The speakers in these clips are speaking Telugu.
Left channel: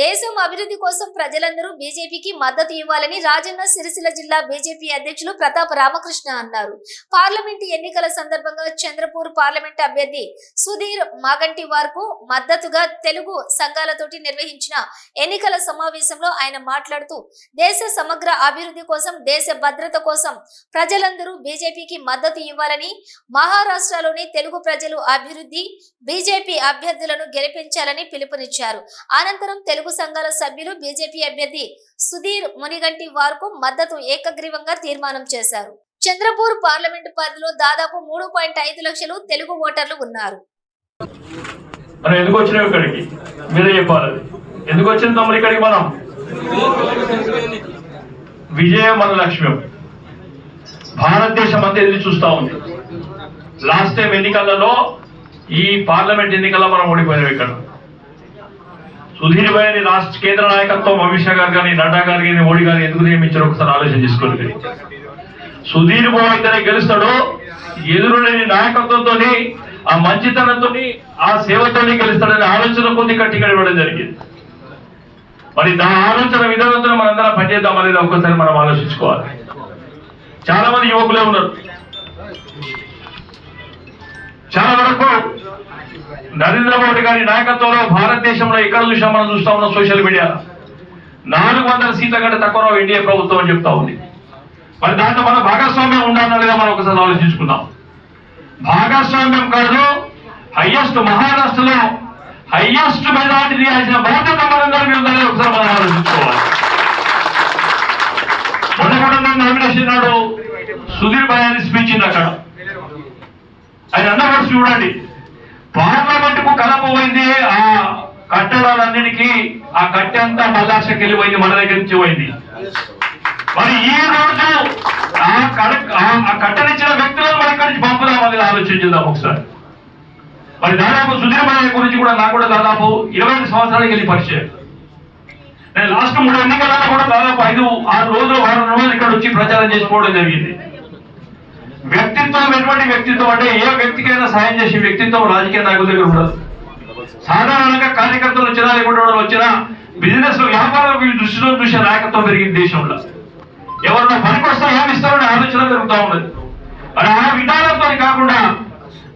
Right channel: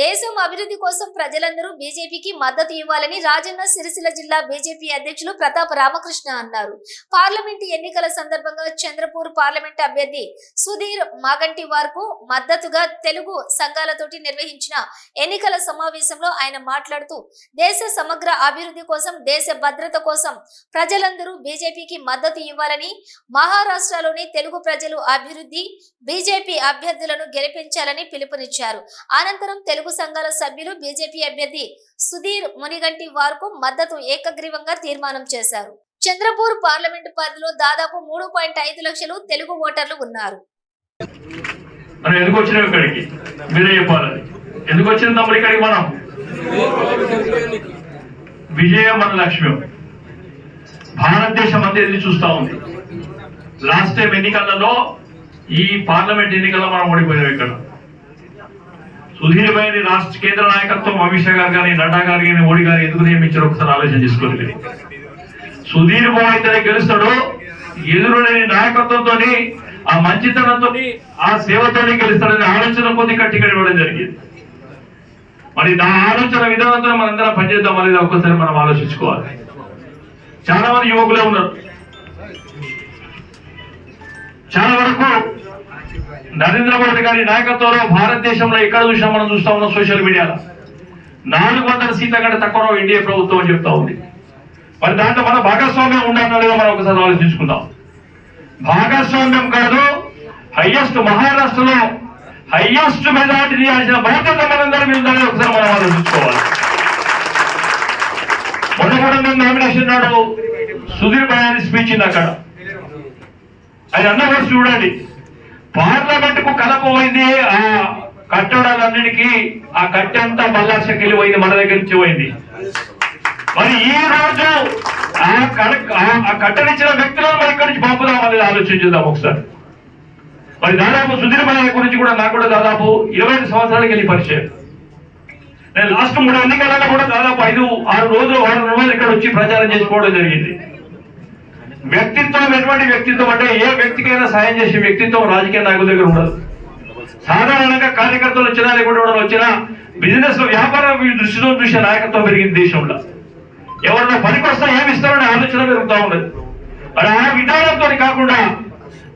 దేశం అభివృద్ధి కోసం ప్రజలందరూ బీజేపీకి మద్దతు ఇవ్వాలని రాజన్న సిరిసిల్ల జిల్లా బీజేపీ అధ్యక్షులు ప్రతాప్ రామకృష్ణ అన్నారు. పార్లమెంటు ఎన్నికల సందర్భంగా చంద్రపూర్ పార్లమెంట్ అభ్యర్థి సుధీర్ మాగంటి వార్కు మద్దతుగా తెలుగు సంఘాలతోటి నిర్వహించిన ఎన్నికల సమావేశంలో ఆయన మాట్లాడుతూ దేశ సమగ్ర అభివృద్ధి కోసం దేశ భద్రత కోసం ప్రజలందరూ బీజేపీకి మద్దతు ఇవ్వాలని మహారాష్ట్రలోని తెలుగు ప్రజలు అభివృద్ధి బీజేపీ అభ్యర్థులను గెలిపించాలని పిలుపునిచ్చారు. అనంతరం తెలుగు తెలుగు సంఘాల సభ్యులు బీజేపీ అభ్యర్థి సుధీర్ మునిగంటి వార్కు మద్దతు ఏకగ్రీవంగా తీర్మానం చేశారు. చంద్రపూర్ పార్లమెంటు పరిధిలో దాదాపు మూడు పాయింట్ ఐదు లక్షలు తెలుగు ఓటర్లు ఉన్నారు. ఎందుకు వచ్చినాం ఇక్కడికి? మీరే చెప్పాలి ఎందుకు వచ్చింది తమ్ముడు ఇక్కడికి మనం? విజయం మన లక్ష్యం. భారతదేశం అంతా ఎదురు చూస్తా ఉంది. లాస్ట్ టైం ఎన్నికలలో ఈ పార్లమెంట్ ఎన్నికల్లో మనం ఓడిపోయాం ఇక్కడ. సుధీర్ గారిని రాష్ట్ర కేంద్ర నాయకత్వం అమిత్ షా గారు కానీ నడ్డా గారు కానీ మోడీ గారు ఎందుకు నియమించారు ఒకసారి ఆలోచన చేసుకోండి సుధీర్ బాబు అయితేనే గెలుస్తాడు ఎదురులేని నాయకత్వంతో ఆ మంచితనంతో ఆ సేవతోనే గెలుస్తాడని ఆలోచన కొద్ది కట్టి ఇవ్వడం జరిగింది. మరి దాని ఆలోచన విధానంతో మనందరం పనిచేద్దాం అనేది ఒక్కసారి మనం ఆలోచించుకోవాలి. చాలా మంది యువకులే ఉన్నారు. చాలా వరకు నరేంద్ర మోడీ గారి నాయకత్వంలో భారతదేశంలో ఎక్కడ చూసినా మనం చూస్తా ఉన్నాం సోషల్ మీడియాలో. నాలుగు వందల సీట్ల కంటే తక్కువ ఇండియా ప్రభుత్వం అని చెప్తా ఉంది. మరి దాంట్లో మన భాగస్వామ్యం ఉండాలో లేదో మనం ఒకసారి ఆలోచించుకుందాం. భాగస్వామ్యం కాదు హయ్యెస్ట్ మహారాష్ట్రలో హయ్యెస్ట్ మెజార్టీ తీయాల్సిన భారత మనందరి మీద ఉందని ఒకసారి మనం ఆలోచించుకోవాలి. మొదటి నామినేషన్ నాడు సుధీర్ భయాన్ని స్పీచ్ ఇన్ని అక్కడ. ఆయన అన్న చూడండి. పార్లమెంట్ పోయింది ఆ కట్టడాలన్నిటికీ ఆ కట్టె అంతా మల్లాక్షకి వెళ్ళిపోయింది మన దగ్గర నుంచి పోయింది. మరి ఈ రోజు ఆ కడ ఆ- కట్టనిచ్చిన వ్యక్తులను మరి ఇక్కడి నుంచి పంపుదామని ఆలోచించుదాం ఒకసారి. మరి దాదాపు సుధీర్ భయ గురించి కూడా నాకు కూడా దాదాపు ఇరవై ఐదు సంవత్సరాలకి వెళ్ళి పరిచయం. నేను లాస్ట్ మూడు ఎన్నికలలో కూడా దాదాపు ఐదు ఆరు రోజులు వారం రోజులు ఇక్కడ వచ్చి ప్రచారం చేసుకోవడం జరిగింది. వ్యక్తిత్వం ఎటువంటి వ్యక్తిత్వం అంటే ఏ వ్యక్తికైనా సాయం చేసే వ్యక్తిత్వం రాజకీయ నాయకుల దగ్గర ఉండదు. సాధారణంగా కార్యకర్తలు వచ్చినా లేకుండా వచ్చినా బిజినెస్లో వ్యాపారం దృష్టిలో చూసే నాయకత్వం పెరిగింది దేశంలో. ఎవరన్నా పనికి వస్తే ఏమిస్తారనే ఆలోచన పెరుగుతూ ఉన్నది. అది ఆ విధానంతో కాకుండా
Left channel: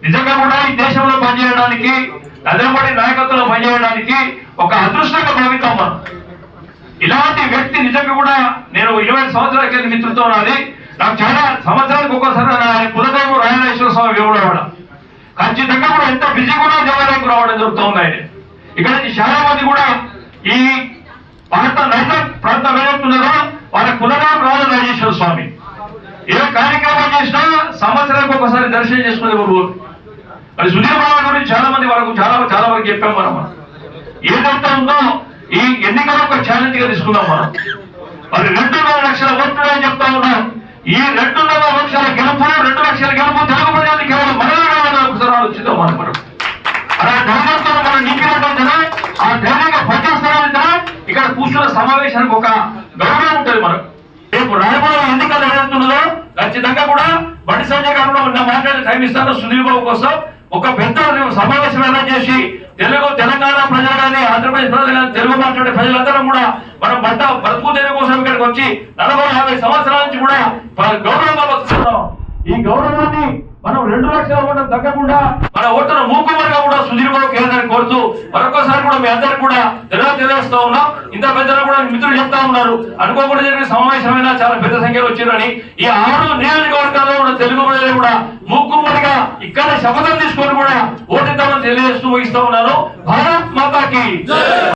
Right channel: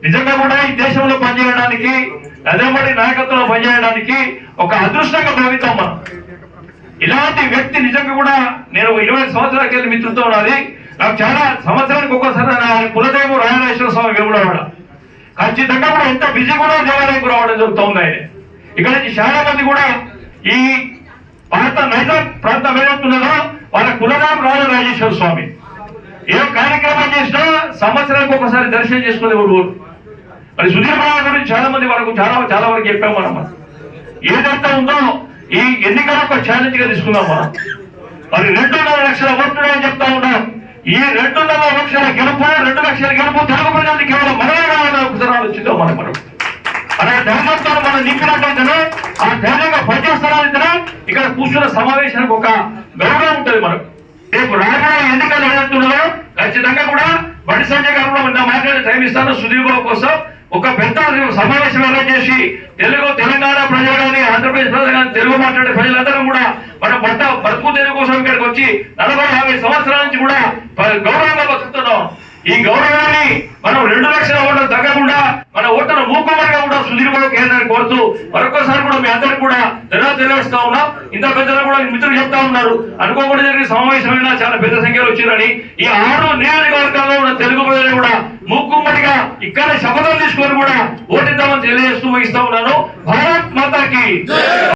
నిజంగా కూడా ఈ దేశంలో పనిచేయడానికి నరేంద్ర నాయకత్వంలో పనిచేయడానికి ఒక అదృష్టంగా భావిస్తాం మనం. ఇలాంటి వ్యక్తి నిజంగా కూడా నేను ఇరవై సంవత్సరాల కింద మిత్రులతో ఉన్నది నాకు చాలా సంవత్సరానికి ఒక్కోసారి నా కులదేవు రాయనేశ్వర స్వామి దేవుడు ఖచ్చితంగా కూడా ఎంత బిజీ కూడా దేవాలయంకు రావడం జరుగుతూ ఉంది ఆయన ఇక్కడ నుంచి చాలా మంది కూడా ఈ భారత నైజాం ప్రాంతం ఏదవుతున్నదో వాళ్ళ కులనాం కులదేవం రాజరాజేశ్వర స్వామి. ఏ కార్యక్రమం చేసినా సంవత్సరానికి ఒకసారి దర్శనం చేసుకునే ఊరు మరి సుధీర్ బాబు గురించి చాలా మంది వాళ్ళకు చాలా చాలా వరకు చెప్పాం మనం. ఏదైతే ఉందో ఈ ఎన్నికలు ఒక ఛాలెంజ్గా తీసుకున్నాం మనం. మరి రెండున్నర లక్షల ఓట్లు అని చెప్తా ఉన్నాం. ఈ రెండున్నర లక్షల గెలుపు రెండు లక్షల గెలుపు తెలుగు ప్రజలు కేవలం మనమే ఆలోచిద్దాం మనం మనం అలా ధైర్యంతో మనం నింపినట్టయితేనే ఆ ధైర్యంగా పనిచేస్తానంటేనే ఇక్కడ కూర్చున్న సమావేశానికి ఒక గౌరవం ఉంటుంది మనకు. రేపు రాబోయే ఎన్నికలు ఏదైతున్నదో ఖచ్చితంగా కూడా బండి సంజయ్ గారు కూడా మాట్లాడే టైం ఇస్తాను. సుధీర్ బాబు కోసం ఒక పెద్ద సమావేశం అరేంజ్ చేసి తెలుగు తెలంగాణ ప్రజలు కానీ ఆంధ్రప్రదేశ్ ప్రజలు కానీ తెలుగు మాట్లాడే ప్రజలందరూ కూడా మన భర్త బ్రతుకు తెలుగు కోసం ఇక్కడికి వచ్చి నలభై యాభై సంవత్సరాల నుంచి కూడా ప- ఈ గౌరవాన్ని మనం రెండు లక్షల ఓట్లు తగ్గకుండా మన ఓటును మూకుమరిగా కూడా సుధీర్ కేంద్రాన్ని కోరుతూ మరొకసారి కూడా మీ అందరికి కూడా తెలియ తెలియజేస్తా ఉన్నాం. ఇంత పెద్దలు కూడా మిత్రులు చెప్తా ఉన్నారు. అనుకోకుండా జరిగిన సమావేశమైన చాలా పెద్ద సంఖ్యలో వచ్చిందని ఈ ఆరు నియోజకవర్గాల్లో ఉన్న తెలుగు ప్రజలు కూడా మూకుమరిగా ఇక్కడ శపథం తీసుకొని కూడా ఓటిద్దామని తెలియజేస్తూ ముగిస్తా ఉన్నాను. భారత్ మాతాకి